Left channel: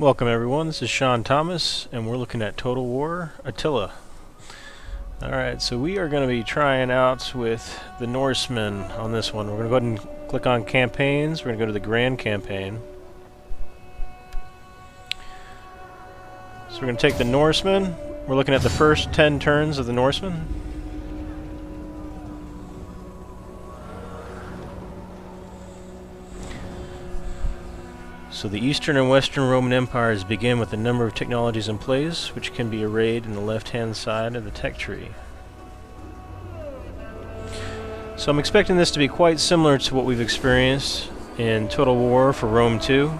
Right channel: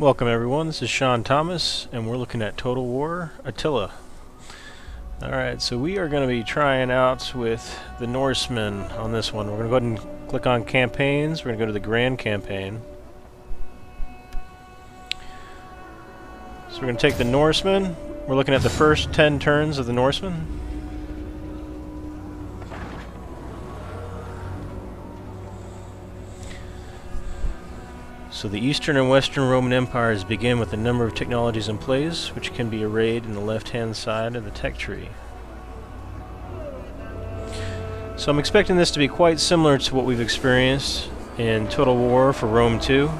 Welcome everyone, this is SeanThomas, and we're looking at Total War, Attila. Alright, so we are going to be trying out with the Norsemen on this one. We're going to go ahead and click on Campaigns. We're going to go to the Grand Campaign. So we're going to take the Norsemen. We're looking at the first 10 turns of the Norsemen. So the Eastern and Western Roman Empires begin with a number of technologies in place, which can be arrayed in the left-hand side of the tech tree. So I'm expecting this to be quite similar to what we've experienced in Total War for Rome 2.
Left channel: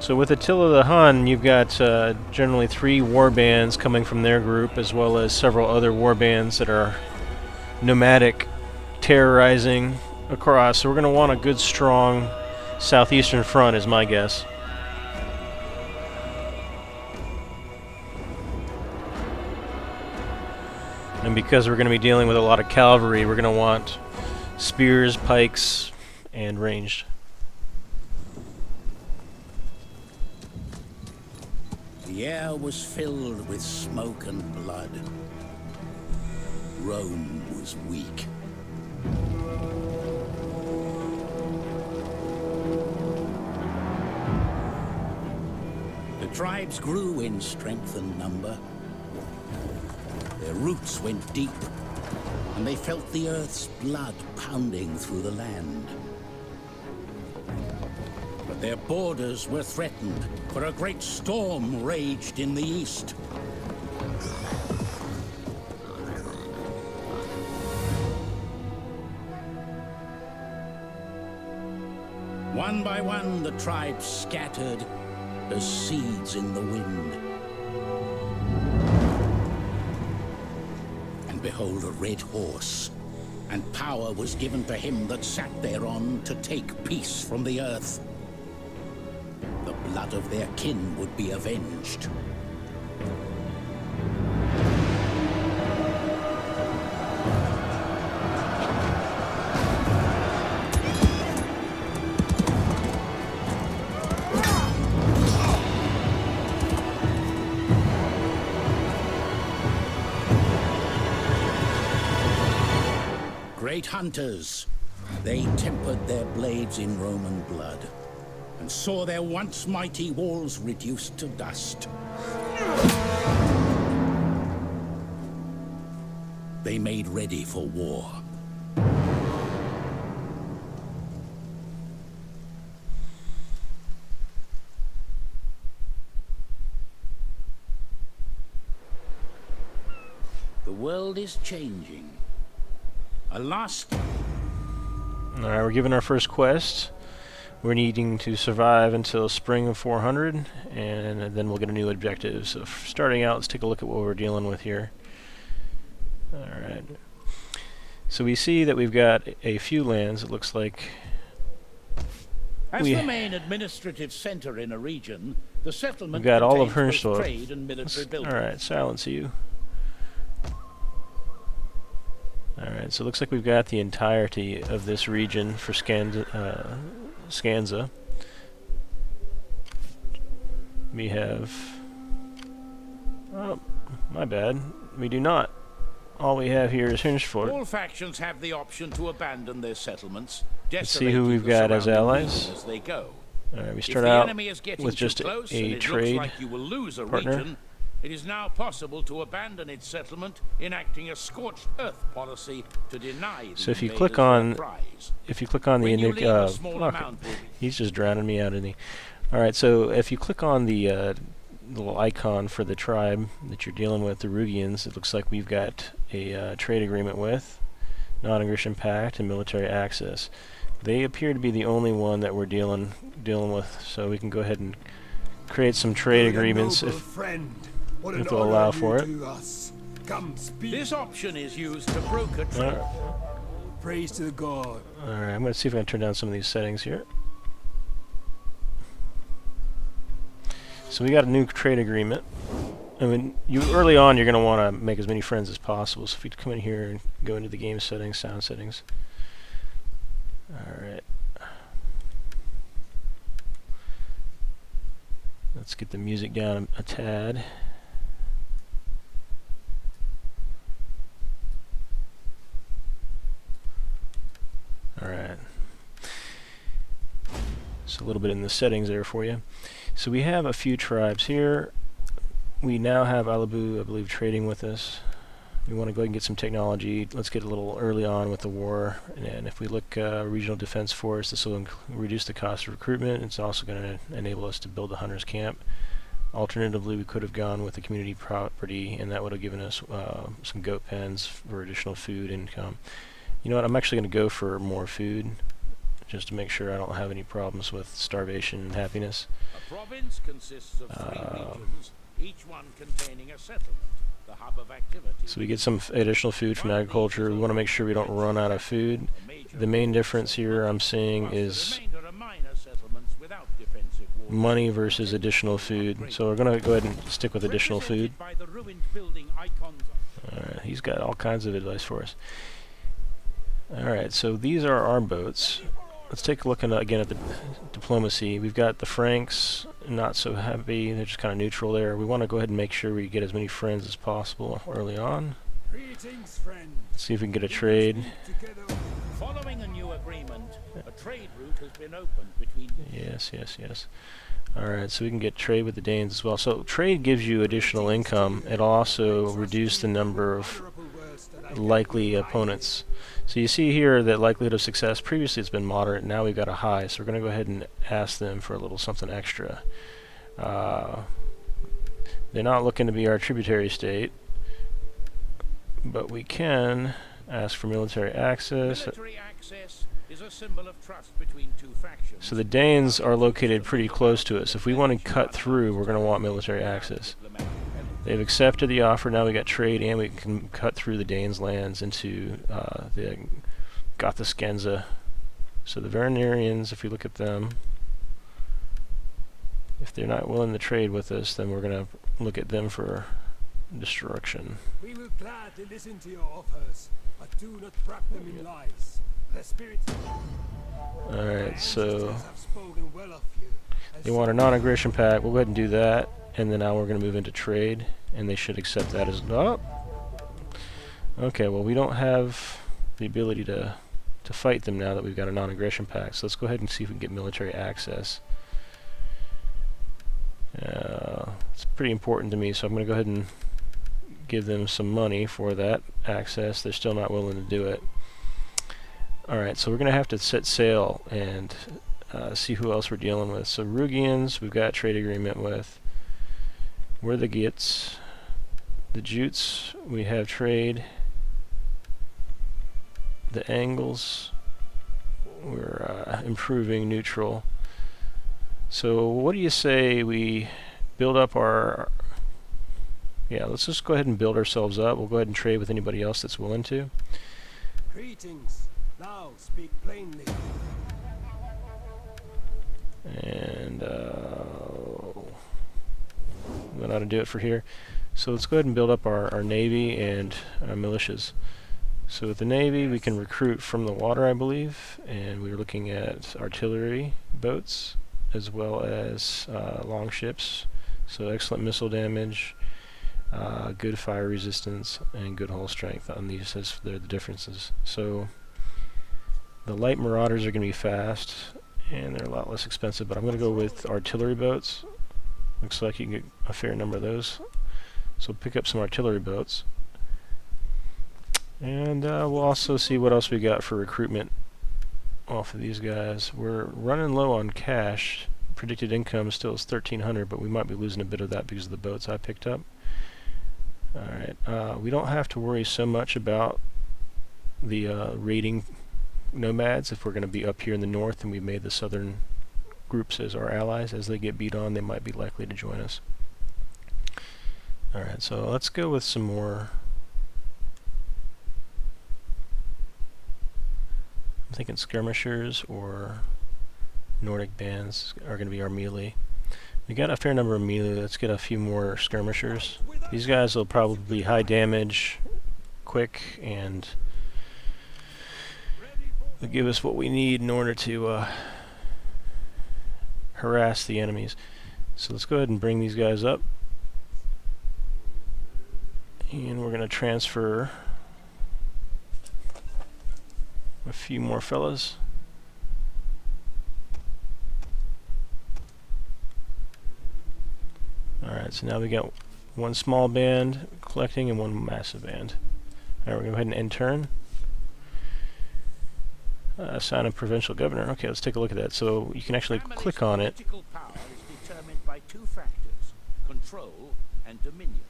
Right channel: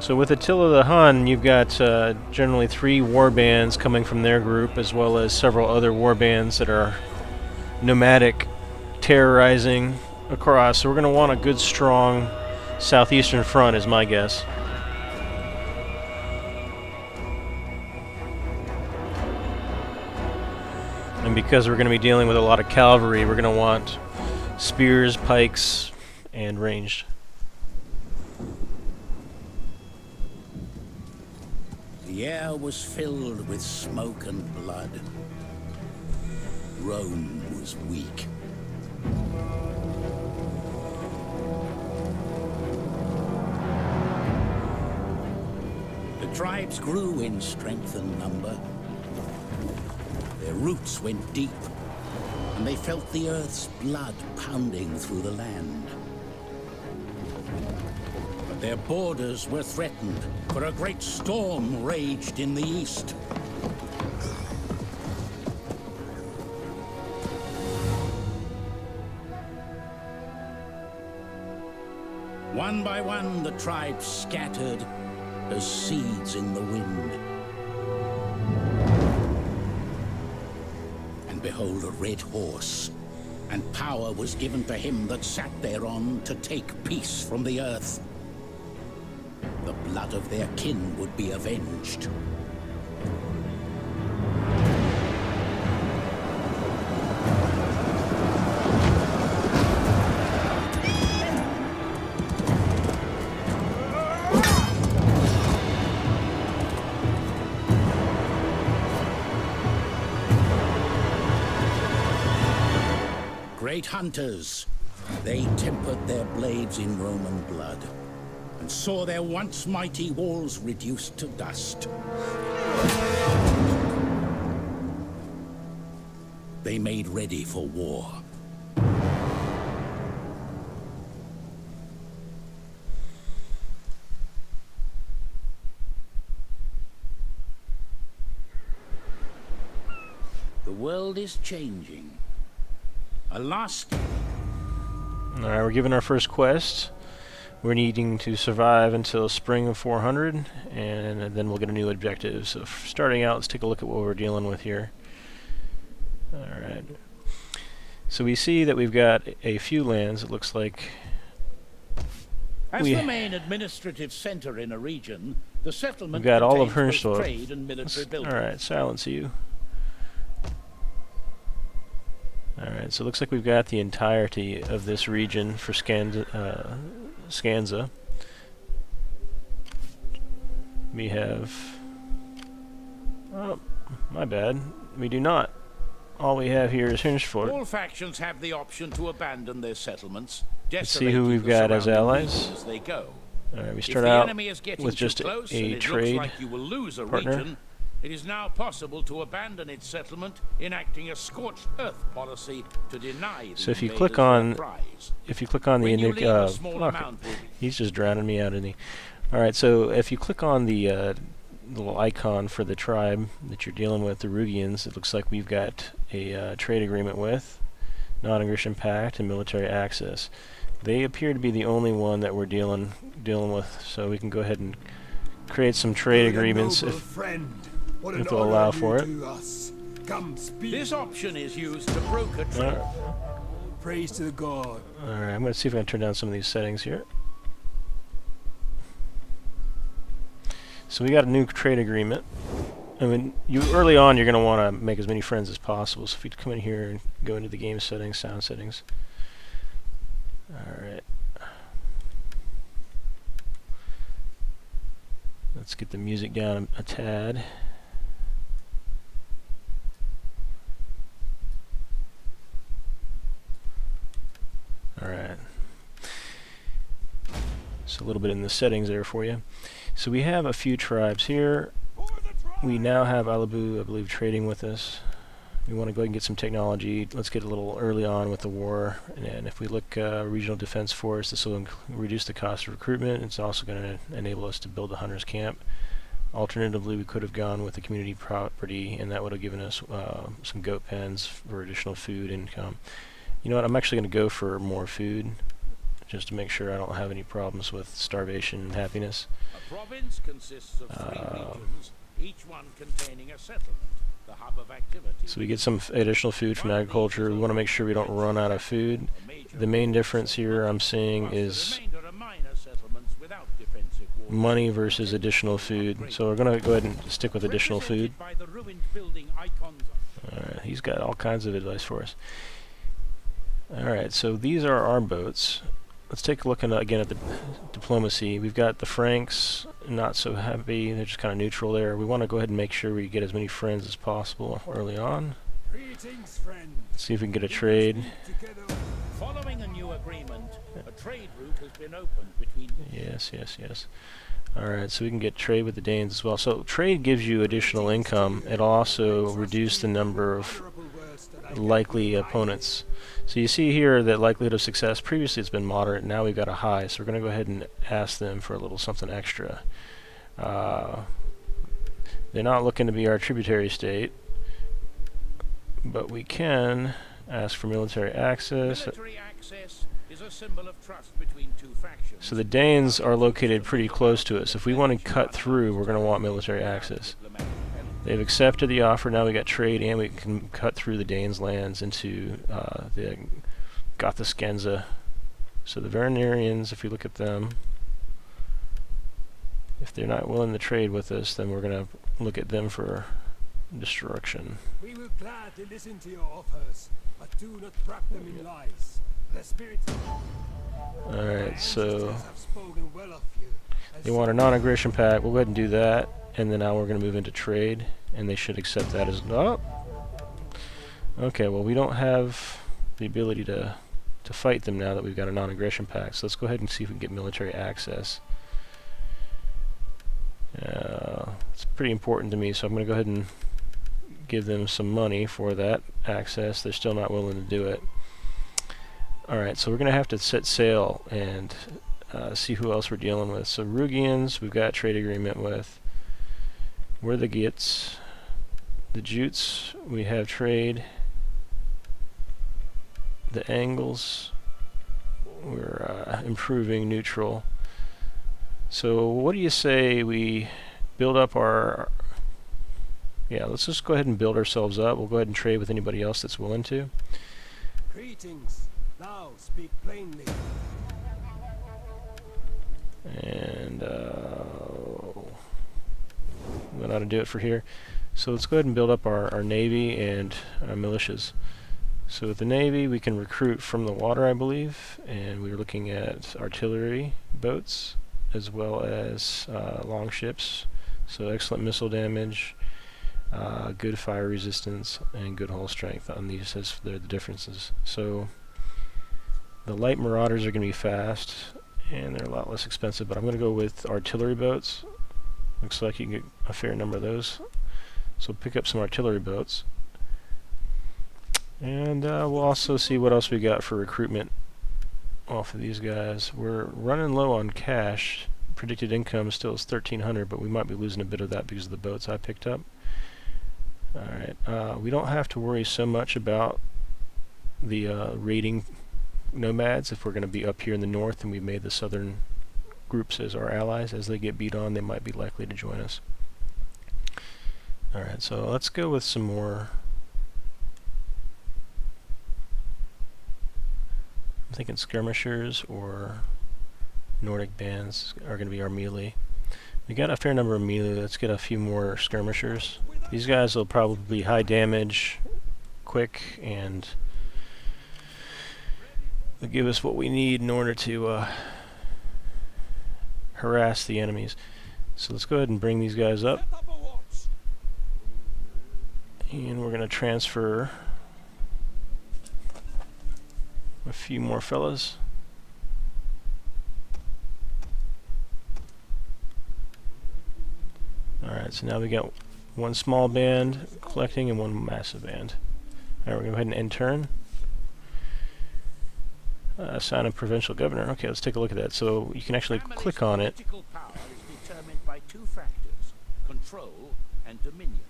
So with Attila the Hun, you've got generally 3 war bands coming from their group, as well as several other war bands that are nomadic, terrorizing across. So we're going to want a good, strong southeastern front, is my guess. And because we're going to be dealing with a lot of cavalry, we're going to want spears, pikes, and ranged. The air was filled with smoke and blood. Rome was weak. The tribes grew in strength and number. Their roots went deep, and they felt the earth's blood pounding through the land. But their borders were threatened, for a great storm raged in the east. One by one, the tribes scattered as seeds in the wind. And behold, a red horse, and power was given to him that sat thereon to take peace from the earth. The blood of their kin would be avenged. Great hunters, they tempered their blades in Roman blood, and saw their once mighty walls reduced to dust. They made ready for war. The world is changing. Alright, we're given our first quest. We're needing to survive until spring of 400, and then we'll get a new objective. So starting out, let's take a look at what we're dealing with here. Alright. So we see that we've got a few lands. It looks like as the main administrative center in a region, the settlement we've got all of contains both Herschel. trade and military buildings. Alright, silence you. Alright, so it looks like we've got the entirety of this region for Scanza. We have... oh, my bad. We do not. All we have here is Hinchford. All factions have the option to abandon their settlements. Let's see who we've got as allies. As they go. Alright, we start out with just a trade like you will lose a partner. Region, it is now possible to abandon its settlement, enacting a scorched earth policy to deny the so if you click on the he's just drowning me out, isn't he? Alright, so if you click on the little icon for the tribe that you're dealing with, the Rugians, it looks like we've got a trade agreement with, non-aggression pact, and military access. They appear to be the only one that we're dealing with, so we can go ahead and create some trade agreements if they'll allow for it. This option is used to broker trade. Praise to the god. Alright, I'm going to see if I can turn down some of these settings here. So we got a new trade agreement. I mean, you early on you're going to want to make as many friends as possible. So if you come in here and go into the game settings, sound settings. All right. Let's get the music down a tad. All right. So a little bit in the settings there for you. So we have a few tribes here. We now have Alibu, I believe, trading with us. We want to go ahead and get some technology. Let's get a little early on with the war. And if we look regional defense force, this will reduce the cost of recruitment. It's also going to enable us to build a hunter's camp. Alternatively, we could have gone with the community property, and that would have given us some goat pens for additional food income. You know what? I'm actually going to go for more food, just to make sure I don't have any problems with starvation and happiness. A province consists of 3 regions, each one containing a settlement, the hub of activity. So we get some additional food from agriculture. We want to make sure we don't run out of food. The main difference here I'm seeing is money versus additional food. So we're going to go ahead and stick with additional food. Alright, he's got all kinds of advice for us. Alright, so these are our boats. Let's take a look again at the diplomacy. We've got the Franks, not so happy. They're just kind of neutral there. We want to go ahead and make sure we get as many friends as possible early on. Greetings, friend. Let's see if we can get a trade. Following a new agreement, a trade route has been opened between... Yes. Alright, so we can get trade with the Danes as well. So trade gives you additional income. It'll also reduce the number of likely opponents. So you see here that likelihood of success, previously it's been moderate, now we've got a high, so we're going to go ahead and ask them for a little something extra. They're not looking to be our tributary state, but we can ask for military access. Military access is a symbol of trust between 2 factions. So the Danes are located pretty close to us. If we want to cut through, we're going to want military access. They've accepted the offer. Now we got trade, and we can cut through the Danes' lands into the Gothiskenza. So the Varanarians, if you look at them, if they're not willing to trade with us, then we're going to look at them for destruction. We will gladly listen to your offers, but do not wrap them in lies. The spirits Alright, so have spoken well of you. they want a non-aggression pact. We'll go ahead and do that. And then now we're going to move into trade, and they should accept that as... Oh! Okay, well we don't have the ability to fight them now that we've got a non-aggression pact. So let's go ahead and see if we can get military access. It's pretty important to me, so I'm going to go ahead and give them some money for that access. They're still not willing to do it. Alright, so we're going to have to set sail and see who else we're dealing with. So Rugians, we've got a trade agreement with. We're the Gits. The Jutes, we have trade. The Angles, we're improving neutral. So what do you say we build up our... Yeah, let's just go ahead and build ourselves up. We'll go ahead and trade with anybody else that's willing to. Greetings. Now speak plainly. And that ought to do it for here. So let's go ahead and build up our navy and our militias. So with the navy, we can recruit from the water, I believe, and we're looking at artillery boats as well as long ships. So excellent missile damage, good fire resistance, and good hull strength on these as they're the differences. So the light marauders are going to be fast, and they're a lot less expensive, but I'm going to go with artillery boats. Looks like you can get a fair number of those. So pick up some artillery boats. And we'll also see what else we got for recruitment off of these guys. We're running low on cash. Predicted income still is 1,300, but we might be losing a bit of that because of the boats I picked up. Alright, we don't have to worry so much about the raiding nomads if we're going to be up here in the north and we've made the southern groups as our allies. As they get beat on, they might be likely to join us. Alright, so let's go with some more... I'm thinking skirmishers or Nordic bands are going to be our melee. We got a fair number of melee. Let's get a few more skirmishers. These guys will probably be high damage, quick, and they'll give us what we need in order to harass the enemies. So let's go ahead and bring these guys up. And we're going to transfer a few more fellas. Alright, so now we got one small band collecting and one massive band. Alright, we're going to go ahead and end turn. Sign of provincial governor. Okay, let's take a look at that. So you can actually click on it. Political power is determined by two factors, control and dominion.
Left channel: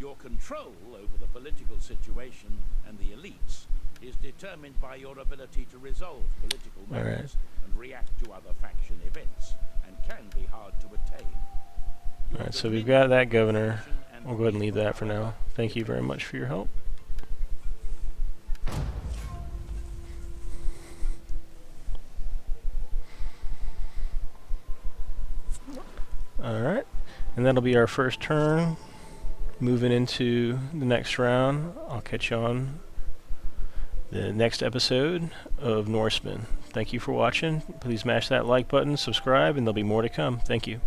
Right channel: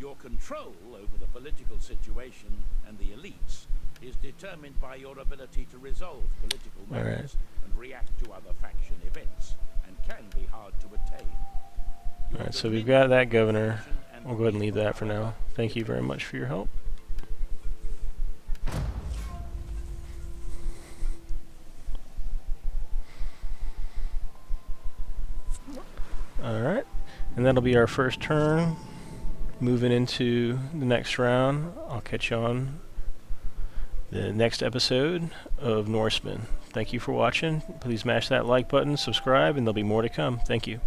Your control over the political situation and the elites is determined by your ability to resolve political matters and react to other faction events, and can be hard to attain. Alright, so we've got that governor. We'll go ahead and leave that for now. Thank you very much for your help. Alright, and that'll be our first turn. Moving into the next round, I'll catch you on the next episode of Norsemen. Thank you for watching. Please smash that like button, subscribe, and there'll be more to come. Thank you.